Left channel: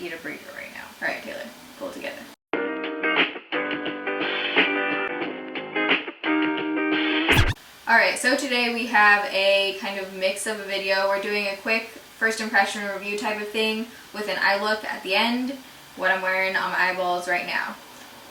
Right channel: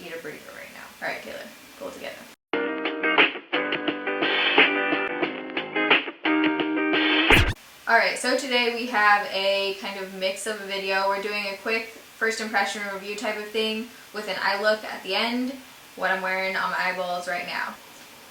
eat a burrito right now. All right, Taylor, pull it together. Alright, so today we have a kind of mix of a video. We're doing a quick first impression review type of thing with an eye look at the end, what I'm wearing on my eyeballs right now.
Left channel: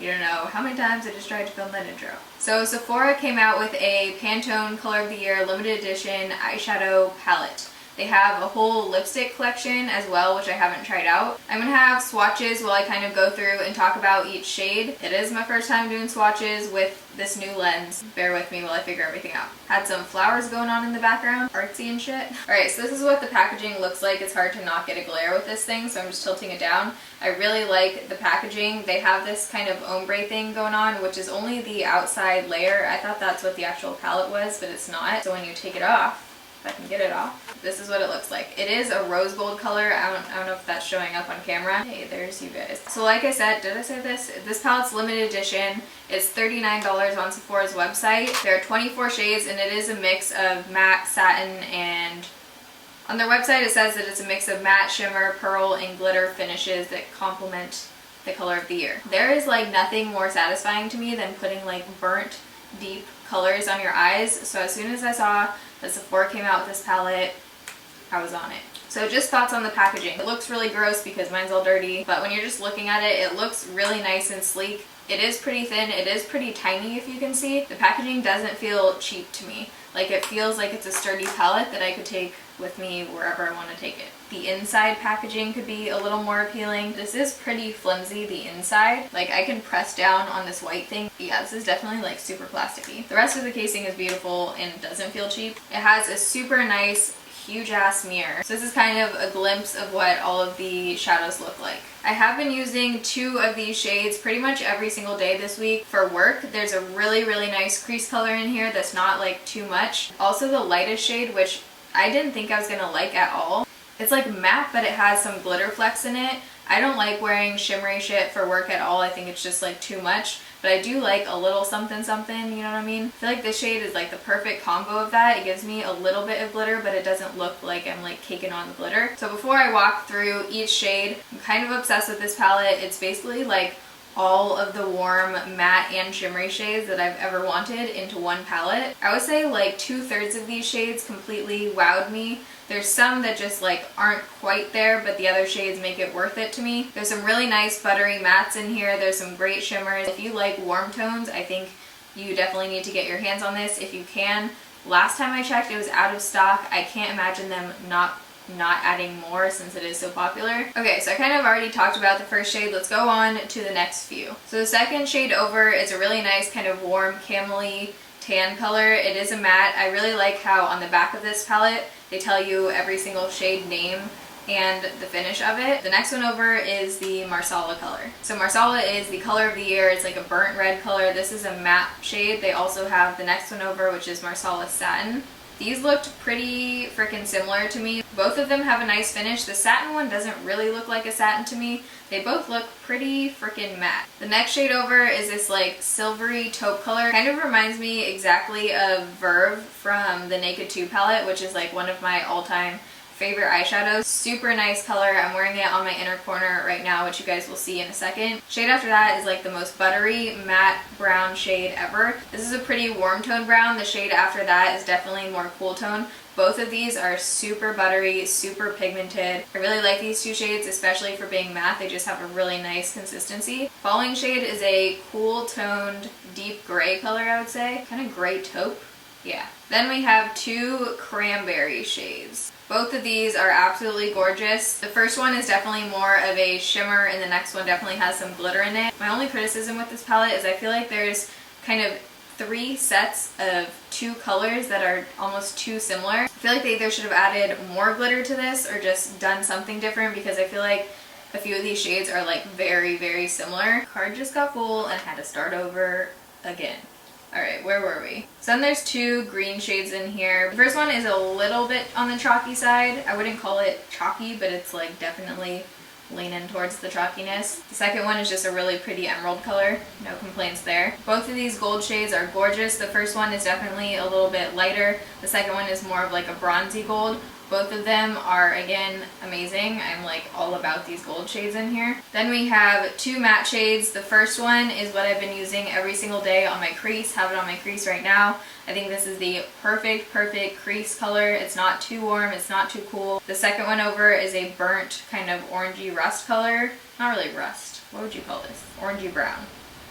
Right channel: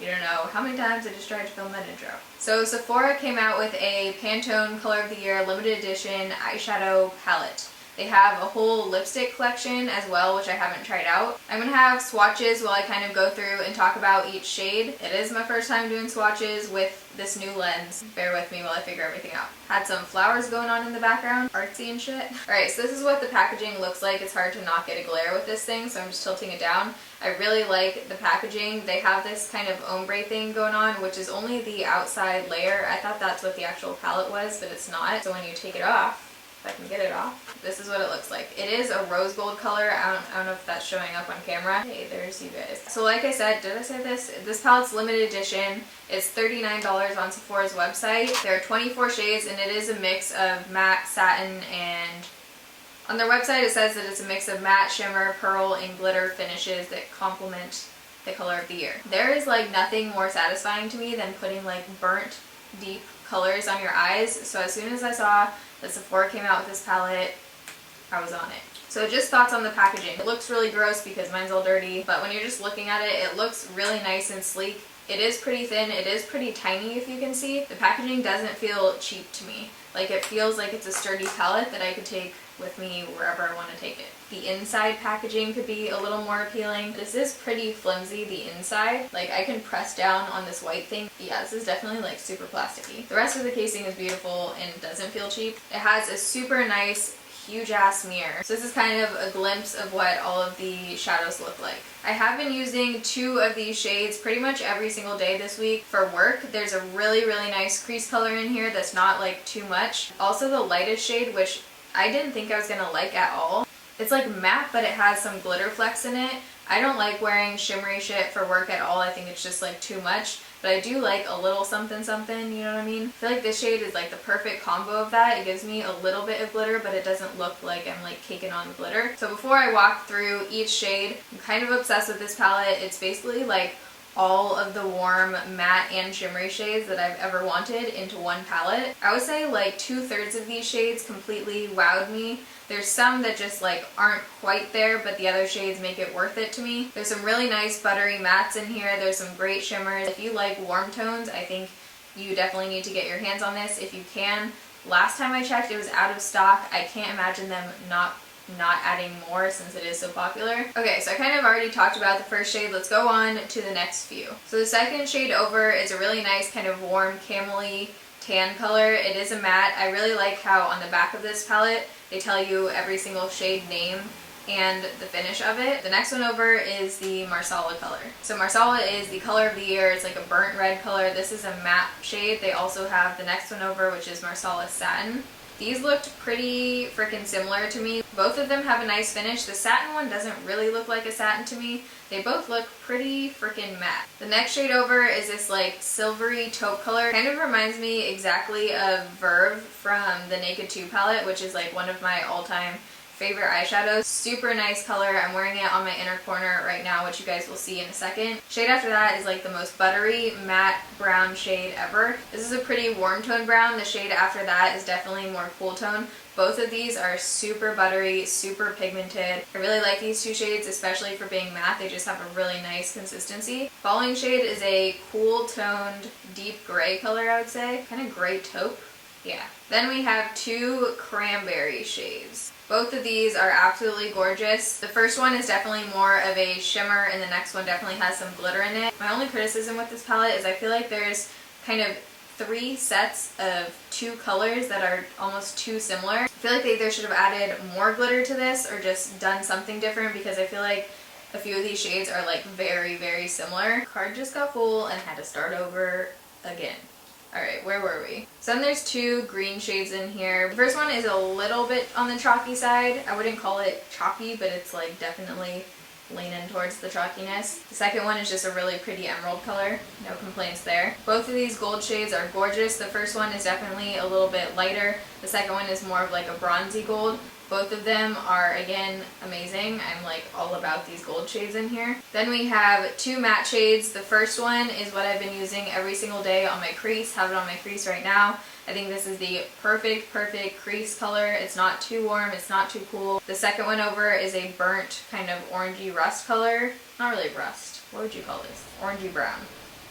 You don't know how many times I just tried to film that intro. So Sephora came out with a Pantone Color of the Year limited edition eyeshadow palette. They have a whole lipstick collection as well, which I haven't tried out. I'm going to have swatches while I kind of go through and talk about each shade. It is my first time doing swatches with this new lens. Bear with me while I figure everything out. Had some flowers going on in the background, artsy and shit. Alright, so this is what the packaging looks like. It's hard to not get a glare with this thing, so I'm just tilting it down. I really like the packaging. They have this kind of ombre thing going on, which is only the outside layer. I thought that's what the actual palette was, but it's not. So when you take it off, if I can get it off, this is what it looks like. It is a rose gold color. I don't know if that's showing up on camera. Hey, there's you guys. So like I said, did I say this? This palette's limited edition. It's $39 on Sephora's website. There are 24 shades and it is a mix of matte, satin, and on their website it says that it's a mix of matte, shimmer, pearl, and glitter finishes that complement the color of the year. There is like nothing more satisfying to me than putting like burnt, deep colors on your eyes. So as soon as I saw that Sephora came out with this palette, I was on it. So just thoughts on the packaging. It looks really gross because mine's all dirty, but when you're just looking at it, it looks really nice and sleek. It is pretty thin, it is pretty tiny if you can see. The packaging doesn't feel cheap to me. Like it feels like it's a sturdy palette that I could take with me wherever I want to take it. The inside packaging could be a little more appealing. This is pretty flimsy, the inside. Like I can press down on this white thing. Yeah, this is definitely like super plasticky. The rest of the casing is beautiful and doesn't feel cheap. It has a super nice huge ass mirror. So this is kind of a glimpse of what all of the shadows look like. I have been using 2 of these shades pretty much every single day this week for work. There's a really nice crease color in here that's not like too much. Also the lightest shade, which I didn't think I was gonna like at all. It's like matte, but it has some glitter flecks in it. I don't like wearing shimmery shit for work at all. I think it's just like too much. But I do like a little something something, you know what I mean? I feel like this shade is like the perfect combo of that. It gives me a little bit of glitter, but it doesn't look like I'm like caking on glitter. So before I walk through each shade, I'm kind of obsessed with this palette. It's basically like all of the warm matte and shimmery shades that I've ever wanted into one palette. I would say like 2/3 of these shades completely wowed me. There's some that just like aren't quite there, but the other shades make it worth it to me. There's some really nice buttery mattes in here. There's some great shimmers. If you like warm tones, I think you definitely need to get your hands on this if you can. Last time I checked, it was out of stock. I can't imagine them not adding more since it is so popular. Okay, so I kind of already talked about the first shade. Let's go on to the next few. So the second shade over is a really nice kind of warm camely tan color. It is a matte. I really like how on the back of this palette they tell you every single shade name and the finish of it. The next one over is the Marsala color. So Marsala is the color of the year. It's like a burnt red color. This is a matte shade. They also have the next one over, which is Marsala Satin. These looked pretty freaking similar to me. Both of them have a nice finish. The satin one doesn't really look like a satin to me. They both look pretty freaking matte. The next shade over is this like silvery taupe color. Kind of reminds me exactly of Verve from the Naked 2 palette, which is like one of my all-time favorite eyeshadows. Super nice color. I'm wearing it on my inner corner right now, which you guys will see in a second. Shade after that is like the most buttery matte brown shade ever. This is a pretty warm tone brown. The shade after that is definitely more cool tone. Both of these are super buttery, super pigmented. I really like these 2 shades, especially for being matte. They just have a really nice consistency. Following shade is a cool toned deep gray color, I would say. Kind of gray taupe. Yeah. Then we have 2 cranberry shades. Both of these are absolutely gorgeous. The first one is definitely more of a shimmer and the next one definitely has some glitter in it. My only criticism with this palette is I feel like there's kind of 3 sets of 2 colors that are almost too similar. I feel like they either should have added more glitter to this or just done something different because I feel like a few of these shades are like very similar. Card just got full and had to start over again. Alright, where were we? So then there's 2 green shades in here. The first one is a little bit on the chalky side. I wouldn't call it chalky, but it's like definitely leaning towards the chalkiness. The second one is just a really pretty emerald color. No complaints there. Both of these gold shades are gorgeous. The first one is definitely a little bit lighter. The second one is more of like a bronzy gold. Both of them are, again, amazing. I'm like all about these gold shades in here. Then we have two matte shades. The first one is what I've been using every single day on my crease. Have it on my crease right now. I think this is the perfect crease color. It's not too warm, it's not too cool. The second one over is a burnt kind of orangey rust color. Not really rust. What would you call this? Orangey brown.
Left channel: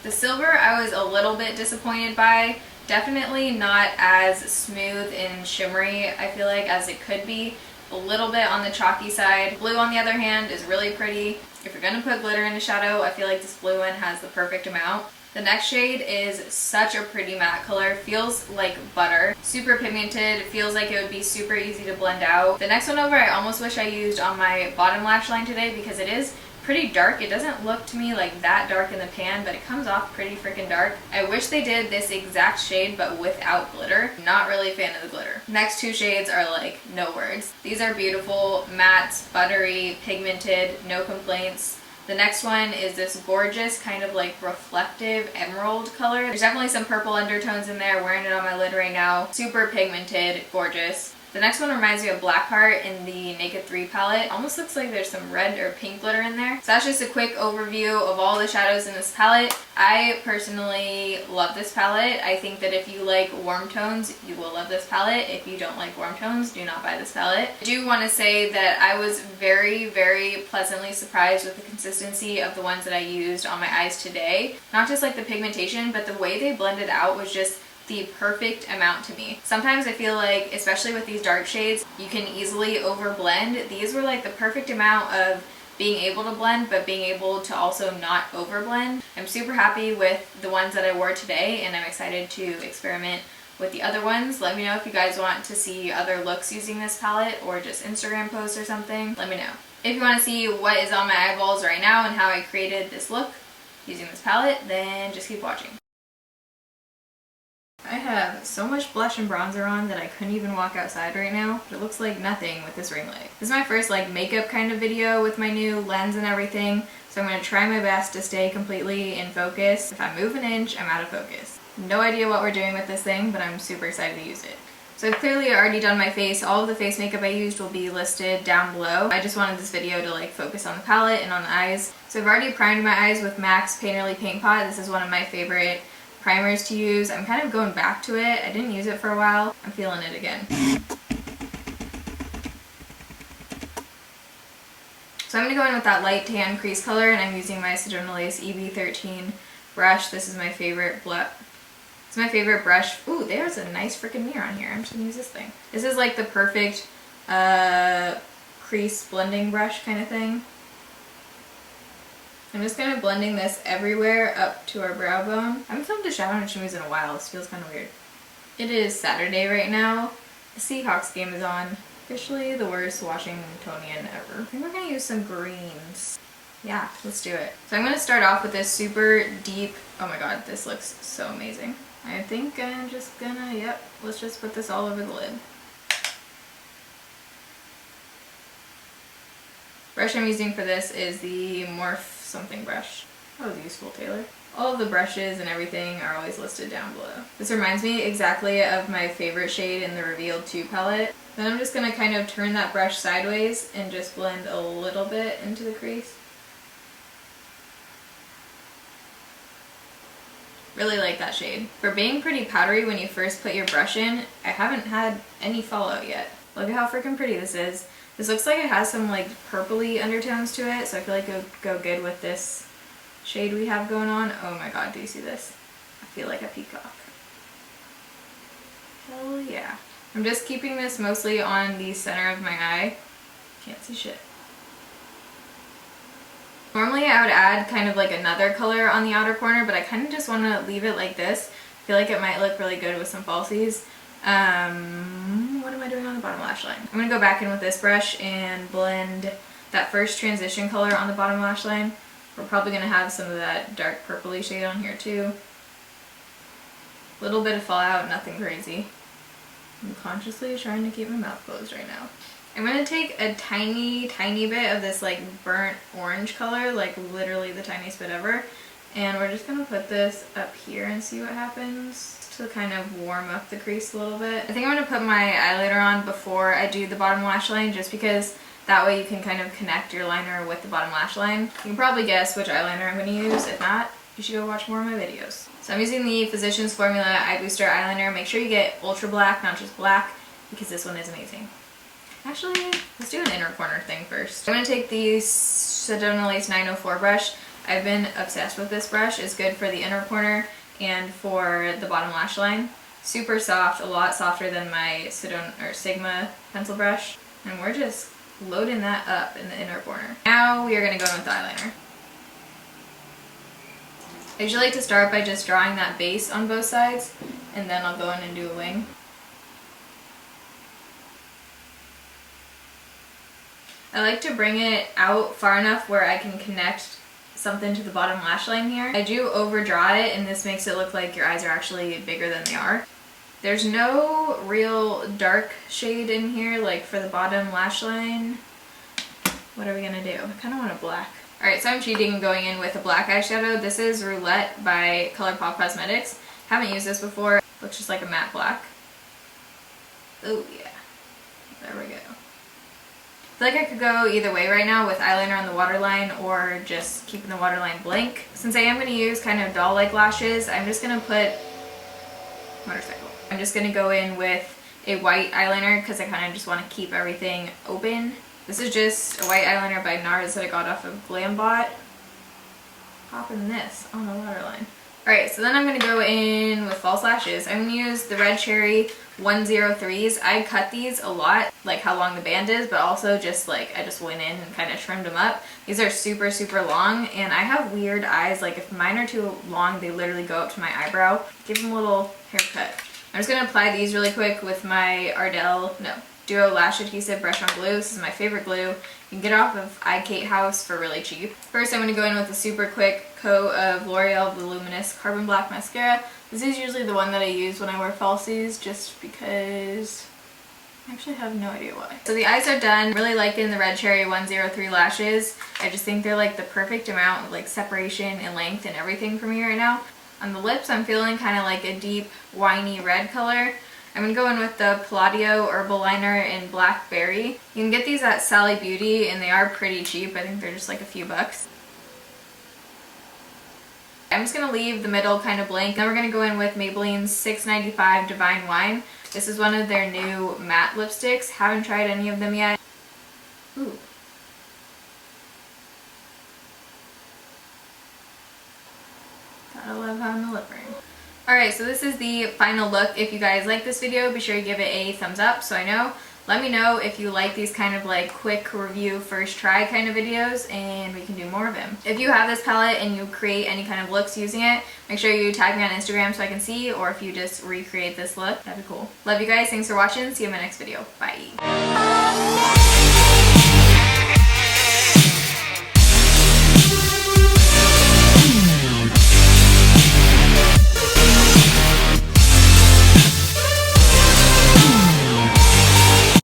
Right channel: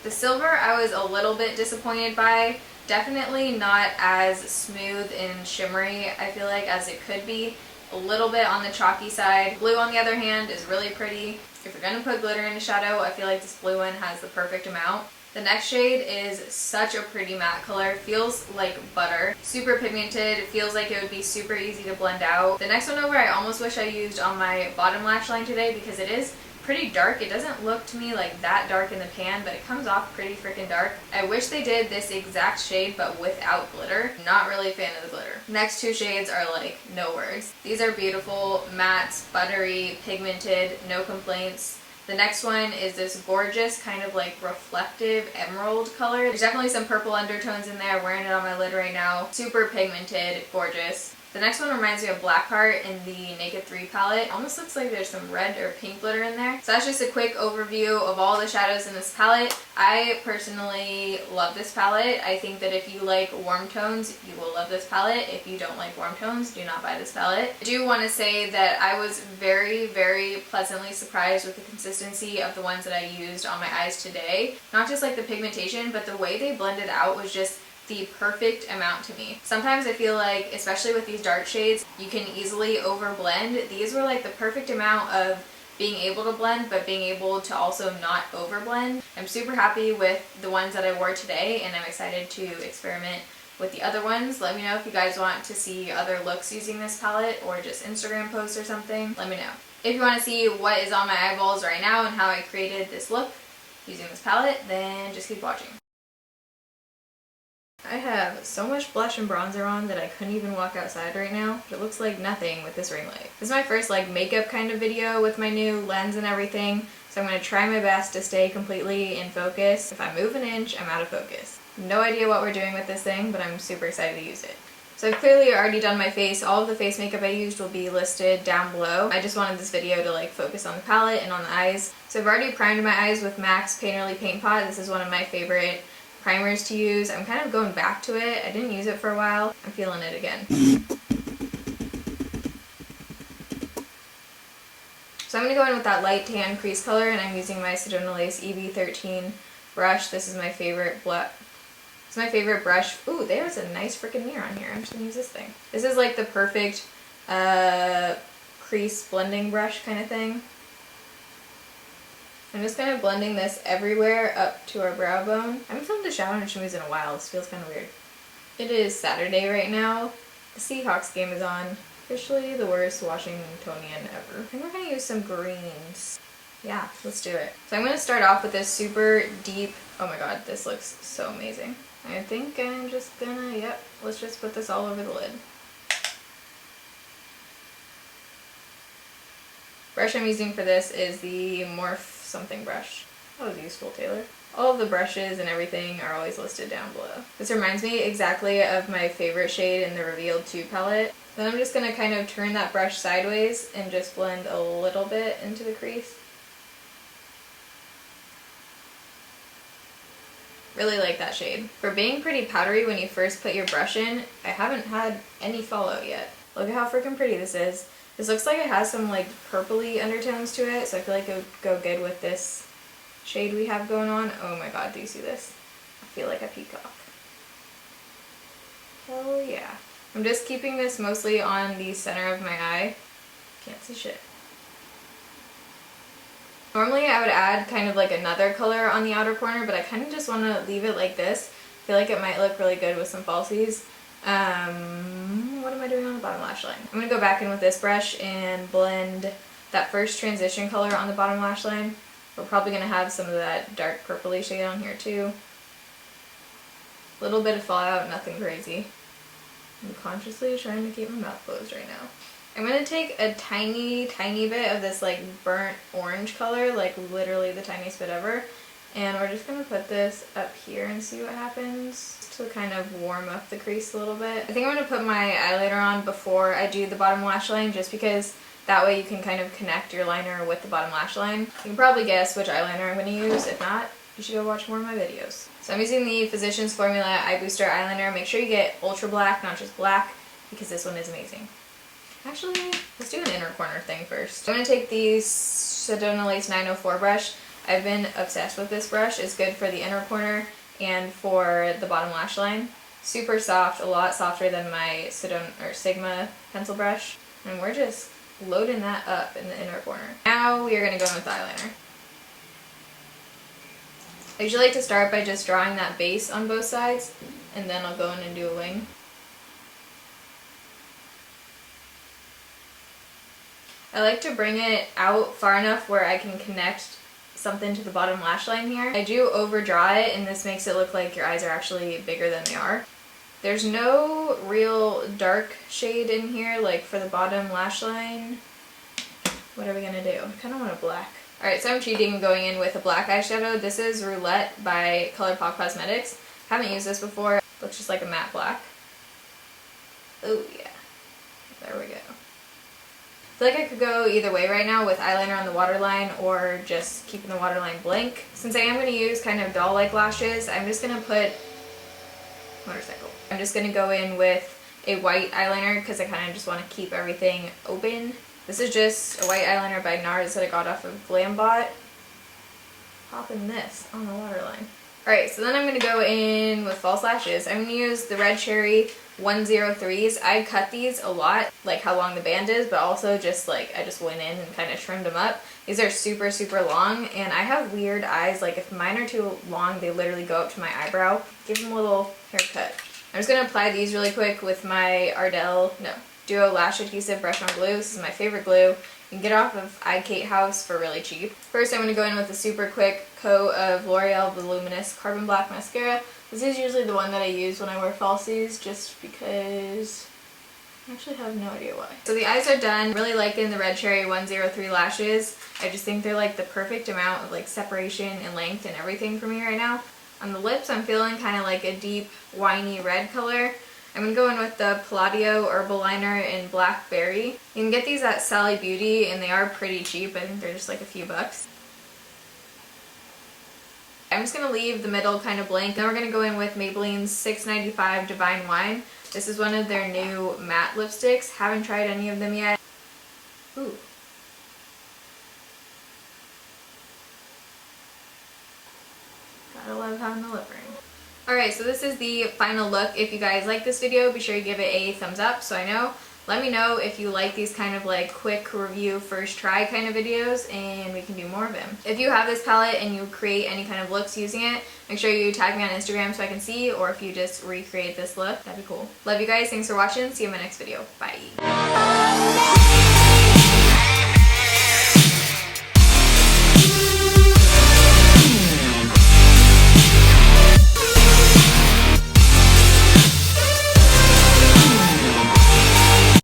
The silver I was a little bit disappointed by. Definitely not as smooth and shimmery, I feel like, as it could be. A little bit on the chalky side. Blue, on the other hand, is really pretty. If you're gonna put glitter in a shadow, I feel like this blue one has the perfect amount. The next shade is such a pretty matte color. Feels like butter. Super pigmented. Feels like it would be super easy to blend out. The next one over I almost wish I used on my bottom lash line today because it is pretty dark. It doesn't look to me like that dark in the pan, but it comes off pretty freaking dark. I wish they did this exact shade but without glitter. Not really a fan of the glitter. Next two shades are like no words. These are beautiful, mattes, buttery, pigmented, no complaints. The next one is this gorgeous kind of like reflective emerald color. There's definitely some purple undertones in there. Wearing it on my lid right now. Super pigmented, gorgeous. The next one reminds me of Blackheart in the Naked 3 palette. Almost looks like there's some red or pink glitter in there. So that's just a quick overview of all the shadows in this palette. I personally love this palette. I think that if you like warm tones, you will love this palette. If you don't like warm tones, do not buy this palette. I do want to say that I was very pleasantly surprised with the consistency of the ones that I used on my eyes today. Not just like the pigmentation, but the way they blended out was just the perfect amount to me. Sometimes I feel like, especially with these dark shades, you can easily overblend. These were like the perfect amount of being able to blend, but being able to also not overblend. I'm super happy with the ones that I wore today, and I'm excited to experiment with the other ones. Let me know if you guys want to see other looks using this palette or just Instagram posts or something. Let me know. If you want to see what is on my eyeballs right now and how I created this look using this palette, then just keep watching. I have so much blush and bronzer on that I couldn't even walk outside right now. It looks like nothing with this ring light. This is my first like makeup kind of video with my new lens and everything, so I'm going to try my best to stay completely in focus. If I move an inch, I'm out of focus. No idea what we're doing with this thing, but I'm super excited to use it. So I've clearly already done my face. All of the face makeup I used will be listed down below. I just wanted this video to like focus on the palette and on the eyes. So I've already primed my eyes with MAC's Painterly Paint Pot. This is one of my favorite primers to use. I'm kind of going back to it. I didn't use it for a while. I'm feeling it again. So I'm going to go in with that light tan crease color, and I'm using my Sedona Lace EB13 brush. This is my favorite It's my favorite brush. Ooh, there's a nice freaking mirror on here. I'm just going to use this thing. This is like the perfect crease blending brush kind of thing. I'm just kind of blending this everywhere up to our brow bone. I haven't filmed a shadow and shimmies in a while. This feels kind of weird. It is Saturday right now. The Seahawks game is on. Officially the worst Washingtonian ever. I think we're going to use some greens. Yeah, let's do it. So I'm going to start off with this super deep, oh my god, this looks so amazing. I think I'm just gonna, yep, let's just put this all over the lid. Brush I'm using for this is the Morph something brush. That was useful, Taylor. All of the brushes and everything are always listed down below. This reminds me exactly of my favorite shade in the Revealed 2 palette. Then I'm just going to kind of turn that brush sideways and just blend a little bit into the crease. Really like that shade. For being pretty powdery when you first put your brush in, I haven't had any fallout yet. Look at how freaking pretty this is. This looks like it has some like purpley undertones to it, so I feel like it would go good with this shade we have going on. Oh my god, do you see this? I feel like a peacock. Hell yeah. I'm just keeping this mostly on the center of my eye. Can't see shit. Normally I would add kind of like another color on the outer corner, but I kind of just want to leave it like this. I feel like it might look really good with some falsies. What am I doing on the bottom lash line? I'm going to go back in with this brush and blend that first transition color on the bottom lash line. We're probably going to have some of that dark purpley shade on here too. Little bit of fallout, nothing crazy. I'm consciously trying to keep my mouth closed right now. I'm going to take a tiny bit of this like burnt orange color, like literally the tiniest bit ever, And we're just going to put this up here and see what happens to kind of warm up the crease a little bit. I think I'm going to put my eyeliner on before I do the bottom lash line, just because that way you can kind of connect your liner with the bottom lash line. You can probably guess which eyeliner I'm going to use. If not, you should go watch more of my videos. So I'm using the Physicians Formula Eye Booster Eyeliner. Make sure you get ultra black, not just black, because this one is amazing. Actually, let's do an inner corner thing first. I'm going to take the Sedona Lace 904 brush. I've been obsessed with this brush. It's good for the inner corner and for the bottom lash line. Super soft, a lot softer than my Sedona or Sigma pencil brush. And we're just loading that up in the inner corner. Now we are going to go in with the eyeliner. I usually like to start by just drawing that base on both sides, and then I'll go in and do a wing. I like to bring it out far enough where I can connect something to the bottom lash line here. I do overdraw it, and this makes it look like your eyes are actually bigger than they are. There's no real dark shade in here, like for the bottom lash line. What are we gonna do? I kind of want a black. Alright, so I'm cheating and going in with a black eyeshadow. This is Roulette by Pop Cosmetics. Haven't used this before. Looks just like a matte black. Oh yeah. There we go. I feel like I could go either way right now with eyeliner on the waterline or just keeping the waterline blank. Since I am going to use kind of doll-like lashes, I'm just going to put motorcycle. I'm just going to go in with a white eyeliner because I kind of just want to keep everything open. This is just a white eyeliner by NARS that I got off of GlamBot. Popping this on the waterline. Alright, so then I'm going to go in with false lashes. I'm going to use the Red Cherry 103s. I cut these a lot, like how long the band is, but also just like I just went in and kind of trimmed them up. These are super, super long, and I have weird eyes. Like if mine are too long, they literally go up to my eyebrow. Give them a little haircut. I'm just going to apply these really quick with my Duo Lash Adhesive Brush On Glue. This is my favorite glue. You can get it off of iKate House for really cheap. First, I'm going to go in with a super quick coat of L'Oreal Voluminous Carbon Black Mascara. This is usually the one that I use when I wear falsies, just because I actually have no idea why. So the eyes are done. Really liking the Red Cherry 103 lashes. I just think they're like the perfect amount of like separation and length and everything for me right now. On the lips, I'm feeling kind of like a deep, winey red color. I'm going to go in with the Palladio Herbal Liner in Blackberry. You can get these at Sally Beauty, and they are pretty cheap. I think they're just like a few bucks. I'm just going to leave the middle kind of blank. Then we're going to go in with Maybelline's $6.95 Divine Wine. This is one of their new matte lipsticks. Haven't tried any of them yet. Ooh. Gotta love having the lip ring. Alright, so this is the final look. If you guys like this video, be sure to give it a thumbs up so I know. Let me know if you like these kind of like quick review first try kind of videos, and we can do more of them. If you have this palette and you create any kind of looks using it, make sure you tag me on Instagram so I can see, or if you just recreate this look, that'd be cool. Love you guys. Thanks for watching. See you in my next video. Bye.